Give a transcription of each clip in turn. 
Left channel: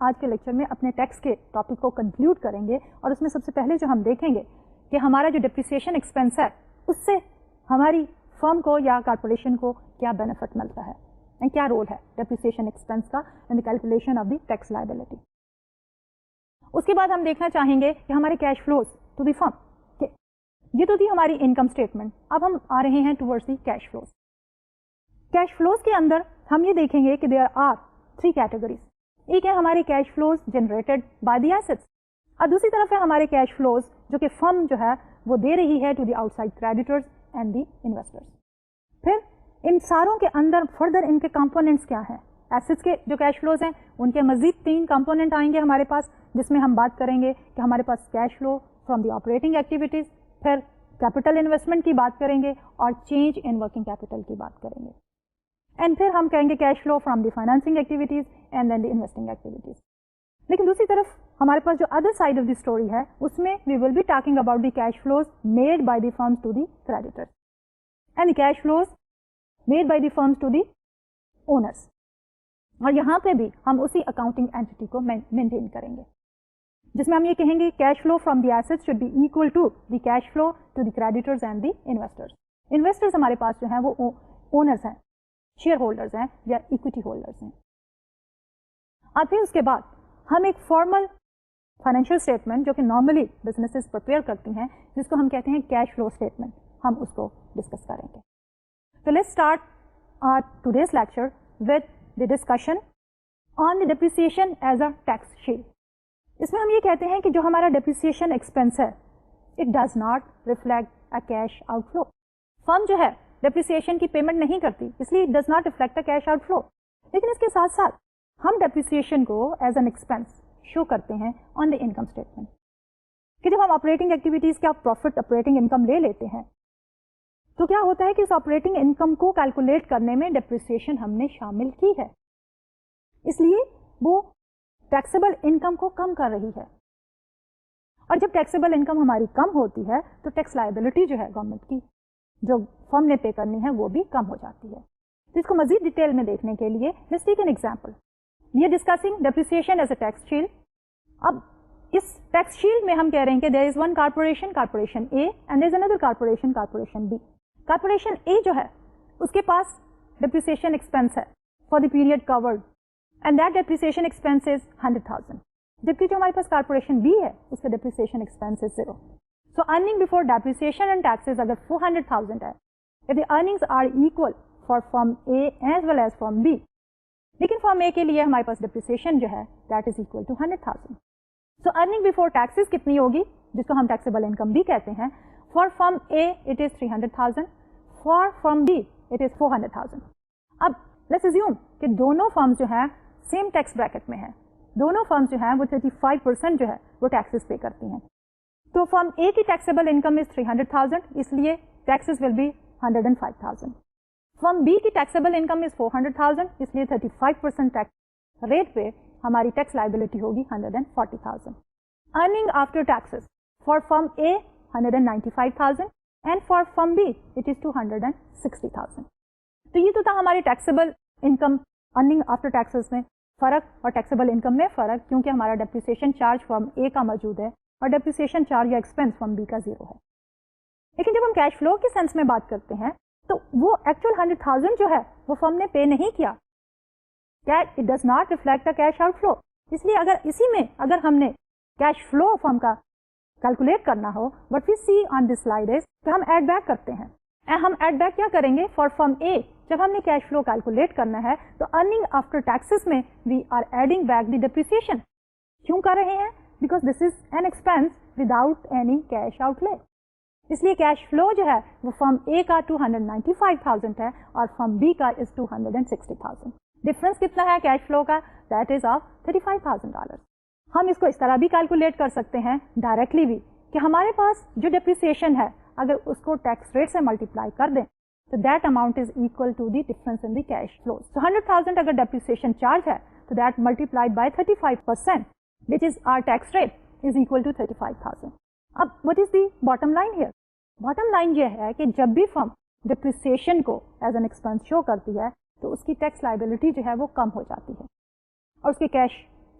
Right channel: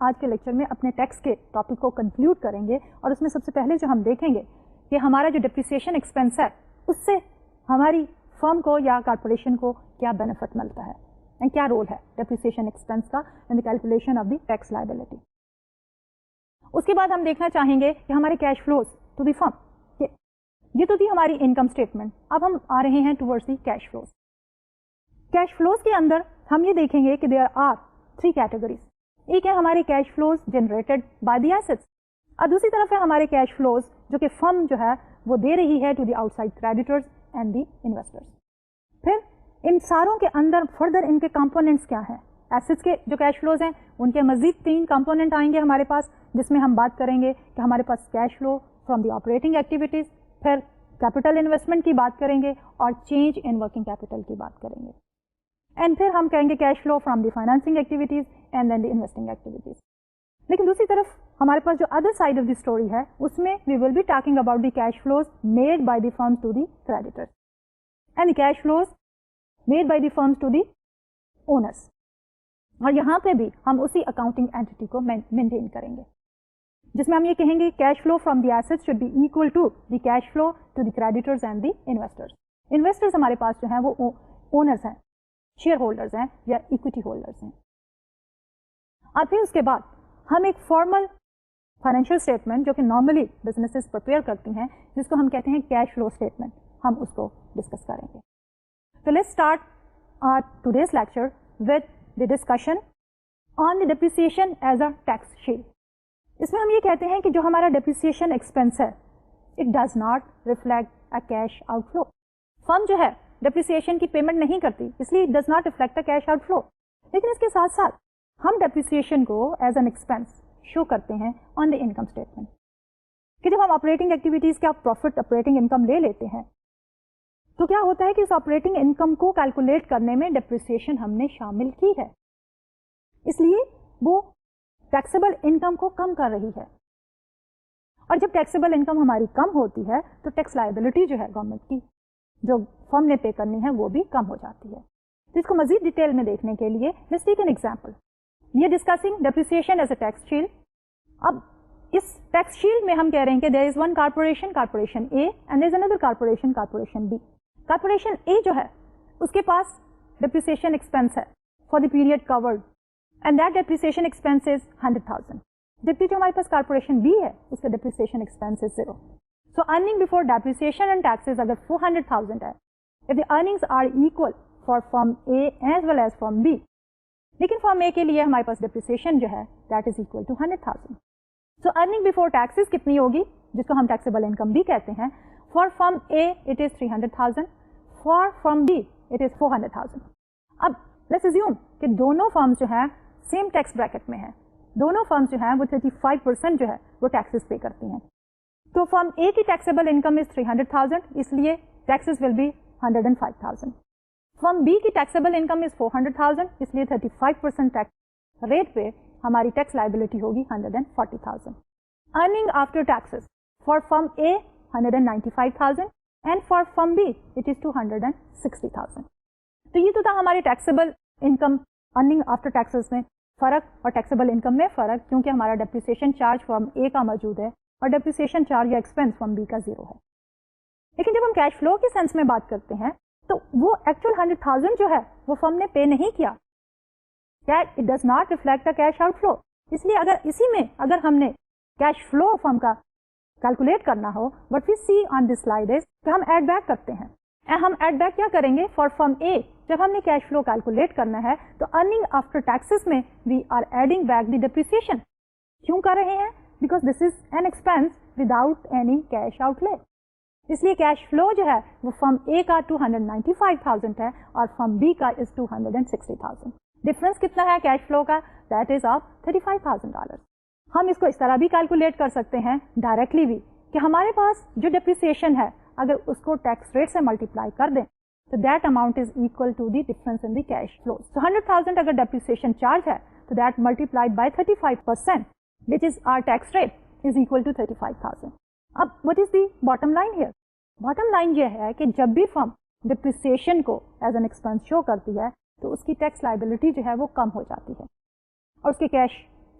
آج کے لیکچر میں اپنے ٹیکس کے ٹاپک کو کنکلوڈ کریں گے اور اس میں سب سے پہلے جو ہم دیکھیں گے کہ ہمارا جو ڈپریسیشن ایکسپینس ہے اس سے ہماری فرم کو یا کارپوریشن کو کیا بینیفٹ ملتا ہے اینڈ کیا رول ہے ڈپریسیشن ایکسپینس کا in the calculation of the tax liability. اس کے بعد ہم دیکھنا چاہیں گے کہ ہمارے cash flows to the firm. یہ تو تھی ہماری انکم اسٹیٹمنٹ. اب ہم آ رہے ہیں towards the cash flows. Cash flows کے اندر ہم یہ دیکھیں گے کہ دیر آر 3 کیٹیگریز. ایک ہے ہمارے cash flows generated by the assets اور دوسری طرف ہے ہمارے کیش فلوز جو کہ فرم جو ہے وہ دے رہی ہے to the outside creditors and the investors. پھر ان ساروں کے اندر فردر ان کے کمپوننٹس کیا ہے. ایسٹس کے جو کیش فلوز ہیں ان کے مزید 3 کمپوننٹ آئیں گے ہمارے پاس, جس میں ہم بات کریں گے کہ ہمارے پاس cash flow from the operating activities, پھر کیپٹل انویسٹمنٹ کی بات کریں گے اور چینج ان ورکنگ کیپٹل کی بات کریں گے, اینڈ پھر ہم کہیں گے cash flow from the financing activities and then the investing activities. لیکن دوسری طرف ہمارے پاس جو other side of the story ہے اس میں we will be talking about the cash flows made by the firms to the creditors and the cash flows made by the firms to the owners. اور یہاں پہ بھی ہم اسی accounting anti کو مینٹین کریں گے جس میں ہم یہ کہیں گے cash flow from the assets should be equal to the cash flow to the creditors and the investors. Investors ہمارے پاس جو ہیں وہ اونرز ہیں, شیئر ہولڈرز ہیں یا اکویٹی ہولڈرز ہیں. آتے ہیں اس کے بعد ہم ایک فارمل فائنینشیل اسٹیٹمنٹ جو کہ نارملی بزنسز پریپیئر کرتی ہیں جس کو ہم کہتے ہیں کیش فلو اسٹیٹمنٹ, ہم اس کو ڈسکس کریں گے. تو let's start our today's lecture with the discussion on depreciation as a tax shield. اس میں ہم یہ کہتے ہیں کہ جو ہمارا ڈپریسیشن ایکسپینس ہے it does not reflect a cash outflow. Firm جو ہے ڈپریسیشن کی پیمنٹ نہیں کرتی اس لیے it does not reflect a cash outflow. لیکن اس کے ساتھ ساتھ ہم ڈپریسیشن کو ایز این ایکسپینس شو کرتے ہیں آن دی انکم اسٹیٹمنٹ کہ جب ہم آپریٹنگ ایکٹیویٹیز کا پروفٹ آپریٹنگ انکم لے لیتے ہیں تو کیا ہوتا ہے کہ اس آپریٹنگ انکم کو کیلکولیٹ کرنے میں ڈپریسیشن ہم نے شامل کی ہے, اس لیے وہ ٹیکسیبل انکم کو کم کر رہی ہے. اور جب ٹیکسیبل انکم ہماری کم ہوتی ہے تو ٹیکس لائبلٹی جو ہے گورنمنٹ کی جو فرم نے پے کرنی ہے وہ بھی کم ہو جاتی ہے. اس کو مزید ڈیٹیل میں دیکھنے کے لیے لیٹس ٹیک این ایگزامپل. یہ discussing depreciation as a tax shield. اب اس ٹیکس شیلڈ میں ہم کہہ رہے ہیں کہ there is one corporation A and there is another corporation B. Corporation A جو ہے اس کے پاس ڈپریسیشن ایکسپینس ہے for the period covered and that depreciation expense is 100,000. جبکہ جو ہمارے پاس کارپوریشن بی ہے اس کا depreciation expense is 0. So earning before depreciation and taxes اگر 400,000 ہے, if the earnings are equal for firm A as well as firm B, لیکن فرم اے کے لیے ہمارے پاس ڈپریسیشن جو ہے that is equal to 100,000. So earning before taxes کتنی ہوگی جس کو ہم ٹیکسیبل انکم بھی کہتے ہیں. For firm A it is 300,000, for firm B it is 400,000. اب لیٹس اسیوم کہ دونوں فرمز جو ہے سیم ٹیکس بریکٹ میں ہیں, دونوں فرمز جو ہے وہ 35% جو ہے وہ ٹیکسز پے کرتی ہیں. تو فرم اے کی ٹیکسیبل انکم از 300,000 اس لیے taxes will be 105,000. Firm B کی ٹیکسیبل انکم از 400,000 اس لیے 35% ٹیکس ریٹ پہ ہماری ٹیکس لائبلٹی ہوگی 140,000. Earning after taxes for firm A 195,000 and for firm B it is 260,000. تو یہ تو تھا ہمارے taxable income earning after taxes میں فرق اور ٹیکسیبل انکم میں فرق, کیونکہ ہمارا ڈپریسیشن چارج فرم اے کا موجود ہے اور ڈپریسیشن چارج یا ایکسپینس فرم بی کا 0 ہے. لیکن جب ہم کیش فلو کے سینس میں بات کرتے ہیں تو وہ ایکچوئل 100,000 جو ہے وہ فرم نے پے نہیں کیا. It does not reflect cash outflow. اس لیے اگر ہم نے کیش فلو فرم کا کیلکولیٹ کرنا ہو what we C on this slide از تو ہم ایڈ بیک کرتے ہیں. ہم ایڈ بیک کیا کریں گے فار فرم اے. جب ہم نے کیش فلو کیلکولیٹ کرنا ہے تو ارننگ آفٹر ٹیکسز میں we are adding back the depreciation. کیوں کر رہے ہیں؟ Because this is an expense without any cash outlay. اس لیے کیش فلو جو ہے وہ فرم اے کا 295,000 ہے اور فرم بی کا از 260,000. ڈفرنس کتنا ہے کیش فلو کا؟ That is of $35,000. ہم اس کو اس طرح بھی کیلکولیٹ کر سکتے ہیں ڈائریکٹلی بھی کہ ہمارے پاس جو ڈپریسیشن ہے اگر اس کو ٹیکس ریٹ سے ملٹیپلائی کر دیں تو that amount is equal to the difference in the cash flow. So 100,000 اگر ڈپریسیشن چارج ہے تو that multiplied by 35% which is our tax rate is equal to 35,000. اب what is the bottom line here? Bottom line یہ ہے کہ جب بھی فرم depreciation کو ایز این ایکسپینس شو کرتی ہے تو اس کی ٹیکس لائبلٹی جو ہے وہ کم ہو جاتی ہے اور اس کے cash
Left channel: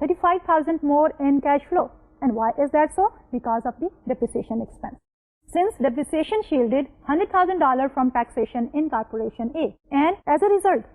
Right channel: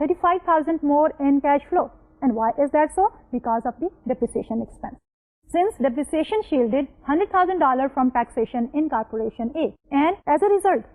35,000 more in cash flow. And why is that so? Because of the depreciation expense. Since depreciation shielded $100,000 from taxation in corporation A, and as a result,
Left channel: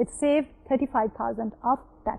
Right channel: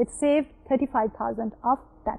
it saved 35,000 of tax.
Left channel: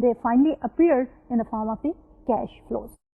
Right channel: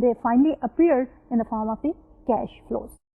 they finally appeared in the form of the cash flows.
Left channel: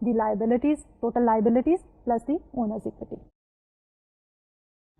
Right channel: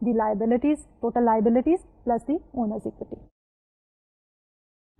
the liabilities, total liabilities plus the owner's equity.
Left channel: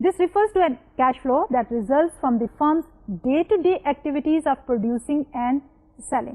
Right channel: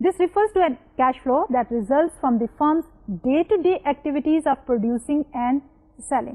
This refers to a cash flow that results from the firm's day-to-day activities of producing and selling.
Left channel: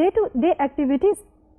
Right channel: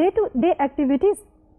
day-to-day activities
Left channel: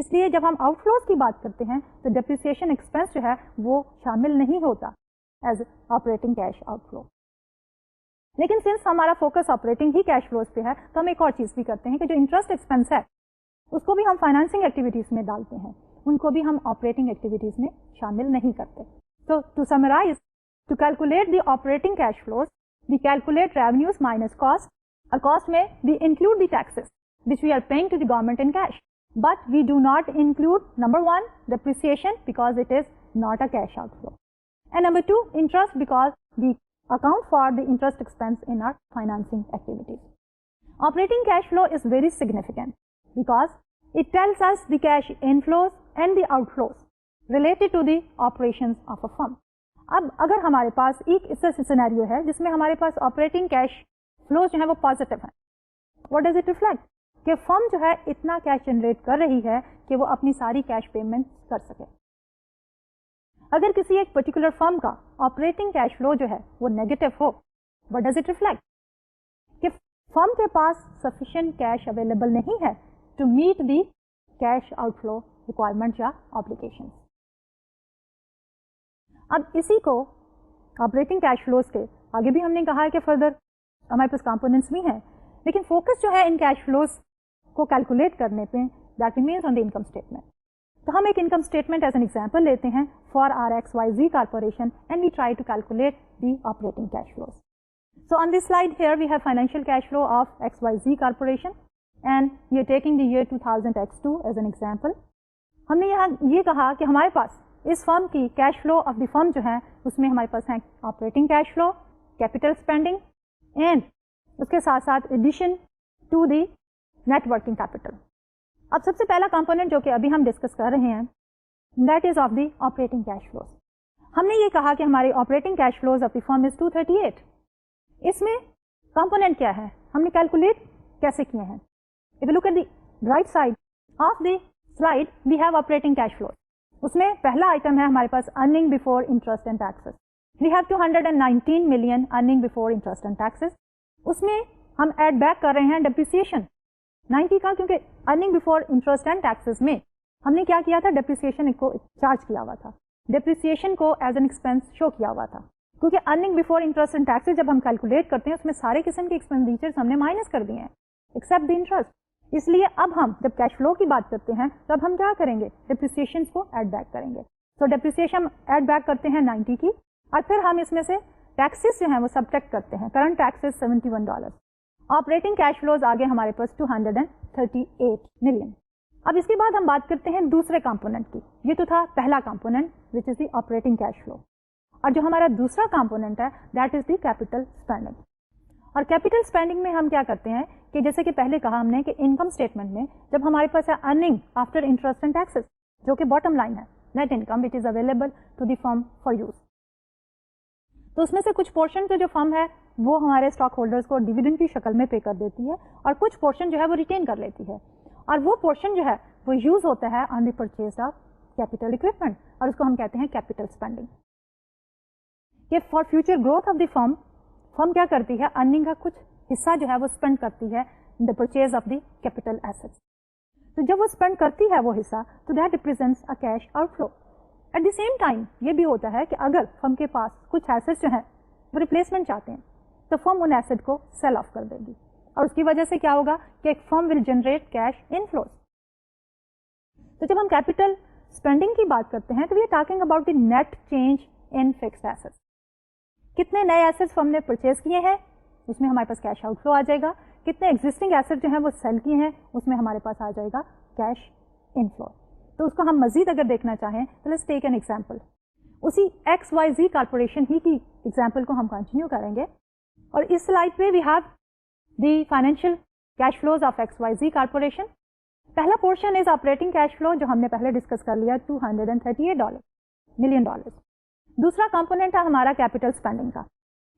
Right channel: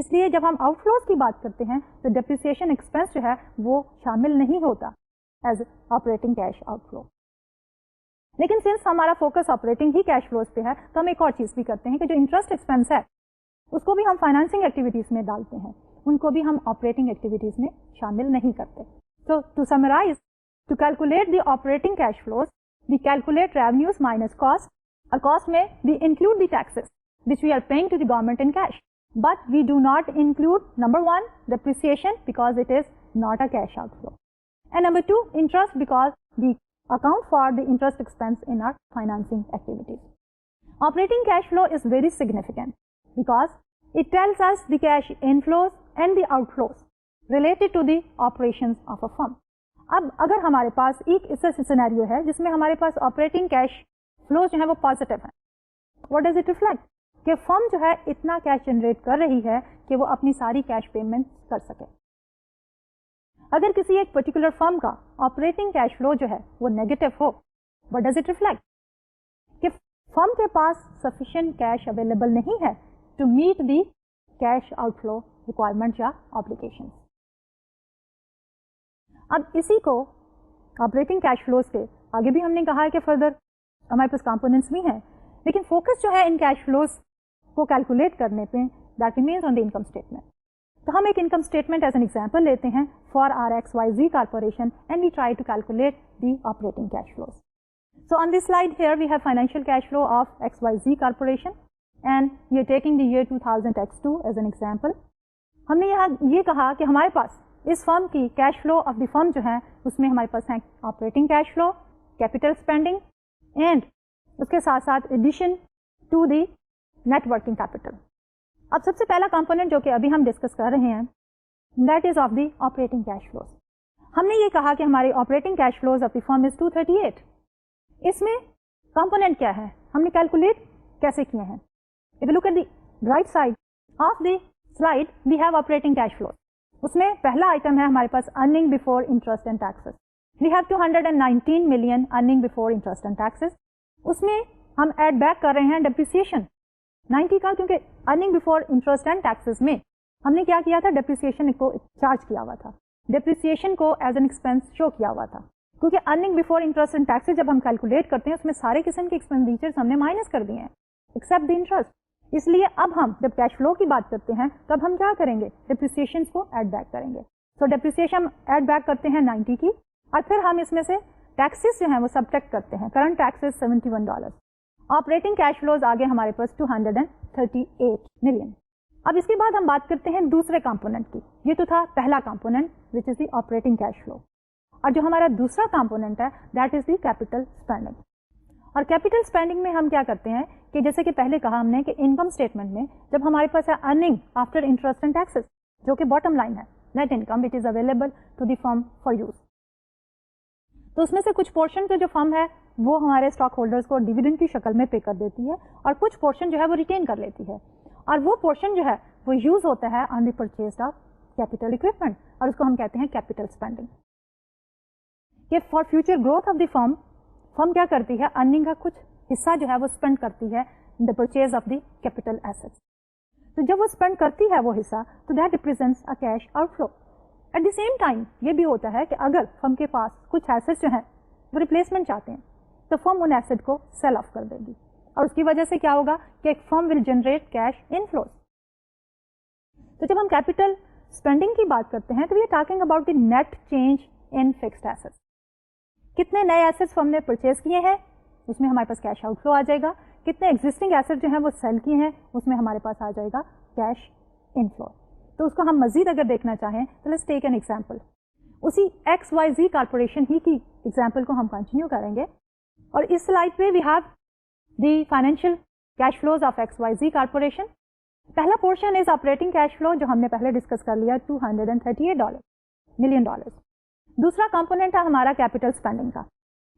اس لیے جب ہم out flows کی بات کرتے ہیں تو depreciation expense جو ہے وہ شامل نہیں ہوتا as operating cash outflow. لیکن سنس ہمارا فوکس آپریٹنگ ہی کیش فلوز پہ ہے تو ہم ایک اور چیز بھی کرتے ہیں کہ جو انٹرسٹ ایکسپینس ہے اس کو بھی ہم فائنانسنگ ایکٹیویٹیز میں ڈالتے ہیں, ان کو بھی ہم آپریٹنگ ایکٹیویٹیز میں شامل نہیں کرتے. تو to summarize, to calculate the operating cash flows we calculate revenues minus cost. A cost may we include the taxes which we are paying to the government in cash, but we do not include number one depreciation because it is not a cash outflow, and number two interest because we account for the interest expense in our financing activities. Operating cash flow is very significant because it tells us the cash inflows and the outflows related to the operations of a firm. اب اگر ہمارے پاس ایک ایسا scenario ہے جس میں ہمارے پاس operating cash flow جو ہے وہ پازیٹیو ہے, واٹ ڈز اٹ ریفلیکٹ کہ فرم جو ہے اتنا کیش جنریٹ کر رہی ہے کہ وہ اپنی ساری کیش پیمنٹ کر سکے. اگر کسی ایک پرٹیکولر فرم کا آپریٹنگ کیش فلو جو ہے وہ نیگیٹو ہو, واٹ ڈز اٹ ریفلیکٹ کہ فرم کے پاس سفیشینٹ کیش اویلیبل نہیں ہے to meet the cash outflow requirement یا آبلیگیشن. اب اسی کو آپریٹنگ کیش فلوز کے آگے بھی ہم نے کہا ہے کہ فردر ہمارے پاس کمپوننٹس بھی ہیں, لیکن فوکس جو ہے ان کیش فلوز کو کیلکولیٹ کرنے پہ that remains on the income statement. تو ہم ایک income statement as an example لیتے ہیں for our X Y Z corporation and we try to calculate the operating cash flows. So on this slide here we have financial cash flow of X Y Z corporation and we are taking the year 2000X2 as an example. ہم نے یہاں یہ کہا کہ ہمارے پاس اس firm کی cash flow of the firm جو ہے اس میں ہمارے پاس ہے operating cash flow, capital spending and اس کے ساتھ ساتھ addition to the net working capital. اب سب سے پہلا کمپوننٹ جو کہ ابھی ہم ڈسکس کر رہے ہیں that is of the operating cash flows. ہم نے یہ کہا کہ ہماری operating cash flows of the firm is 238. اس میں کمپوننٹ کیا ہے, ہم نے کیلکولیٹ کیسے کیا ہے. If you look at the right side of the slide we have operating cash flows. اس میں پہلا آئٹم ہے ہمارے پاس earning before interest and taxes. We have 219 million earning before interest and taxes. اس میں ہم ایڈ بیک کر رہے ہیں ڈپریسیشن 90 کا, کیونکہ earning before interest and taxes میں ہم نے کیا کیا تھا, ڈپریسیشن کو چارج کیا ہوا تھا, ڈپریسیشن کو ایز این ایکسپینس شو کیا ہوا تھا. کیونکہ earning before interest and taxes جب ہم کیلکولیٹ کرتے ہیں اس میں سارے قسم کے ایکسپینڈیچرز ہم نے مائنس کر دیے ہیں ایکسپٹ دی انٹرسٹ. اس لیے اب ہم جب کیش فلو کی بات کرتے ہیں تب ہم کیا کریں گے, ڈپریسیشن کو ایڈ بیک کریں گے. تو ڈپریسیشن ایڈ بیک کرتے ہیں 90 کی, اور پھر ہم اس میں سے ٹیکسز جو ہیں وہ سبٹریکٹ کرتے ہیں. Current taxes $71. Operating cash flows آ گئے ہمارے پاس 238 ملین. اب اس کے بعد ہم بات کرتے ہیں دوسرے کمپوننٹ کی. یہ تو تھا پہلا کمپوننٹ وچ از دی آپریٹنگ کیش فلو, اور جو ہمارا دوسرا کمپوننٹ ہے that is the capital spending. اور کیپیٹل اسپینڈنگ میں ہم کیا کرتے ہیں کہ جیسے کہ پہلے کہا ہم نے کہ انکم اسٹیٹمنٹ میں جب ہمارے پاس earning after interest and taxes جو کہ باٹم لائن ہے, net income which is available to the firm for use, تو اس میں سے کچھ پورشن جو فرم ہے وہ ہمارے اسٹاک ہولڈرز کو ڈیویڈنڈ کی شکل میں پے کر دیتی ہے, اور کچھ پورشن جو ہے وہ ریٹین کر لیتی ہے, اور وہ پورشن جو ہے وہ یوز ہوتا ہے on the purchase of capital equipment, اور اس کو ہم کہتے ہیں کیپیٹل اسپینڈنگ. کہ for future growth of the firm کیا کرتی ہے, ارننگ کا کچھ حصہ جو ہے وہ اسپینڈ کرتی ہے the purchase of the capital assets. تو جب وہ اسپینڈ کرتی ہے وہ حصہ تو that represents a cash outflow. At the same time یہ بھی ہوتا ہے کہ اگر فرم کے پاس کچھ ایسٹ جو ہے وہ ریپلیسمنٹ چاہتے ہیں تو فرم ان ایسٹ کو سیل آف کر دے گی, اور اس کی وجہ سے کیا ہوگا کہ ایک firm will generate cash inflows. تو جب ہم کیپیٹل اسپینڈنگ کی بات کرتے ہیں تو we are talking about the net change in fixed assets. کتنے نئے ایسٹس ہم نے پرچیز کیے ہیں اس میں ہمارے پاس کیش آؤٹ فلو آ جائے گا, کتنے ایگزسٹنگ ایسٹ جو ہیں وہ سیل کیے ہیں اس میں ہمارے پاس آ جائے گا کیش ان فلو. تو اس کو ہم مزید اگر دیکھنا چاہیں تو لیٹس ٹیک این ایگزامپل. اسی ایکس وائی زی کارپوریشن ہی کی ایگزامپل کو ہم کنٹینیو کریں گے, اور اس سلائڈ پہ we have the financial cash flows of X Y Z corporation. پہلا portion is operating cash flow جو ہم نے پہلے ڈسکس کر لیا $238 ملین. دوسرا کمپوننٹ ہے ہمارا کیپیٹل اسپینڈنگ کا.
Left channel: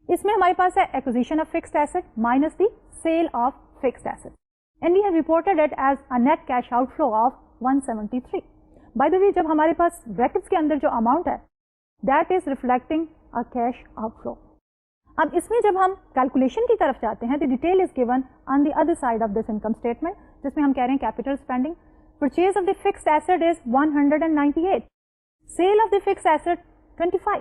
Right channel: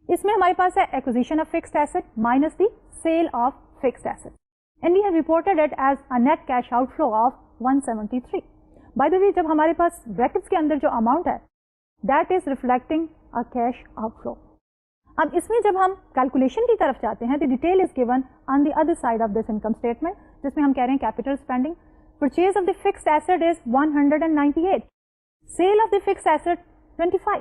اس میں ہمارے پاس ہے acquisition of fixed asset minus the sale of fixed asset, and we have reported it as a net cash outflow of 173. By the way جب ہمارے پاس بریکٹس کے اندر جو اماؤنٹ ہے that is reflecting a cash outflow. اب اس میں جب ہم کیلکولیشن کی طرف جاتے ہیں تو detail is given on the other side of this income statement, جس میں ہم کہہ رہے ہیں capital spending. Purchase of the fixed asset is 198. Sale of the fixed asset 25.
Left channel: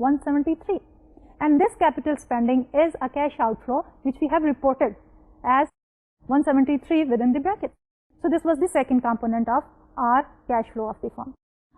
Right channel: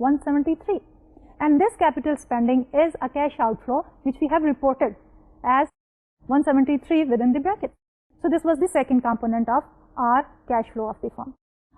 173. And this capital spending is a cash outflow which we have reported as 173 within the bracket. So this was the second component of our cash flow of the firm.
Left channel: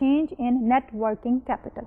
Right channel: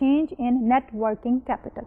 change in net working capital.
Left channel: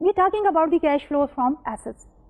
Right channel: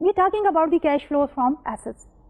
We talking about the cash flow from assets,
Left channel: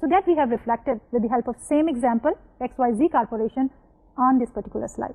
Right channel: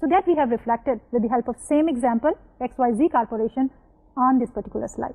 So that we have reflected with the help of same example XYZ Corporation on this particular slide.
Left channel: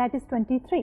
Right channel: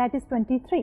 that is 23,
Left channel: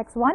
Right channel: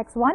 X1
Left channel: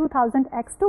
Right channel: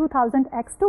2000 X2,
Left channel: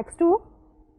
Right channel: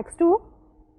X2,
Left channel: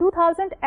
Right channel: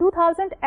2000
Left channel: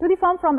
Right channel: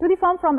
to the firm from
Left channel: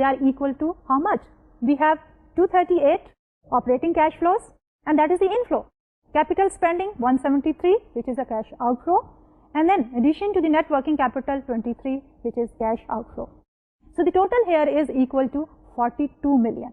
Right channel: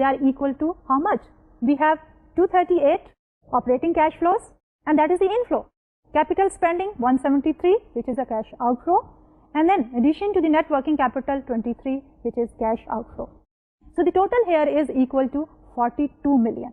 they are equal to how much? We have 238 operating cash flows and that is the inflow. Capital spending 173 which is a cash outflow, and then addition to the net working capital 23 which is cash outflow. So the total here is equal to 42 million.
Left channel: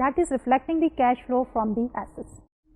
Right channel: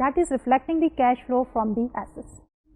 that is reflecting the cash flow from the assets.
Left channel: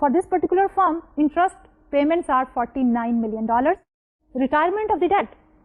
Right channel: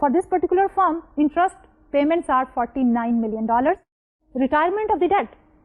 For this particular firm, interest payments are $49 million. Retirement of the debt,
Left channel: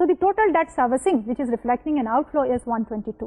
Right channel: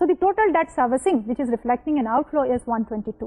So the total debt servicing which is reflecting an outflow is 122.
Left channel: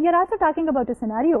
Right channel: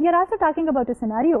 we are also talking about a scenario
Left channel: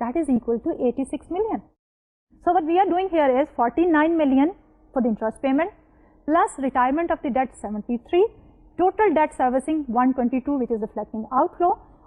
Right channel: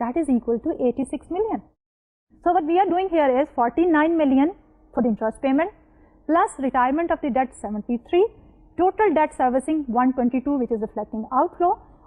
that is equal to 86 million. So what we are doing here is 49 million for the interest payment plus retirement of the debt 73, total debt servicing 122 which is reflecting outflow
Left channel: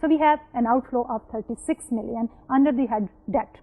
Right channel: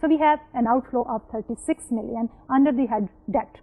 So we have an outflow of 36 million under the head debt.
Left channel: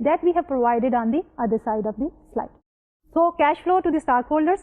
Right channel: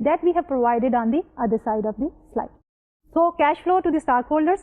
that we have provided on the other side of the slide. So cash flow to the stockholders,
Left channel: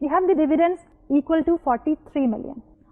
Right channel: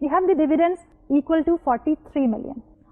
We have the dividends equal to 43 million.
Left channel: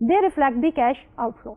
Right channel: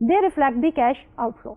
they reflect the cash outflow.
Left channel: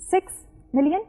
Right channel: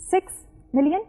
6 million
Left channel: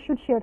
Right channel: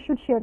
issued share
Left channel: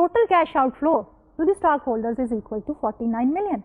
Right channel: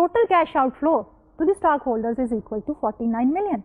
total cash outflow to the stockholders is equal to 49 million.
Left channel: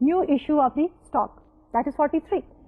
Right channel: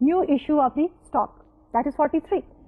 new issue of the stock that is 43.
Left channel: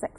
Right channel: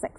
6.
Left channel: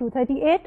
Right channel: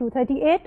238,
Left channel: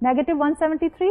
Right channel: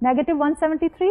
-173,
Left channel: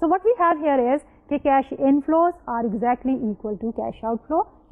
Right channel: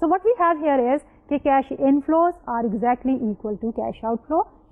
So what we have here is that cash inflows are exactly equal to cash outflow,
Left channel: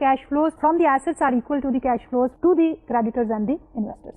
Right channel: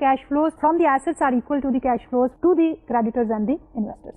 cash flows from the assets are equal to the cash flows to the creditors and the investors.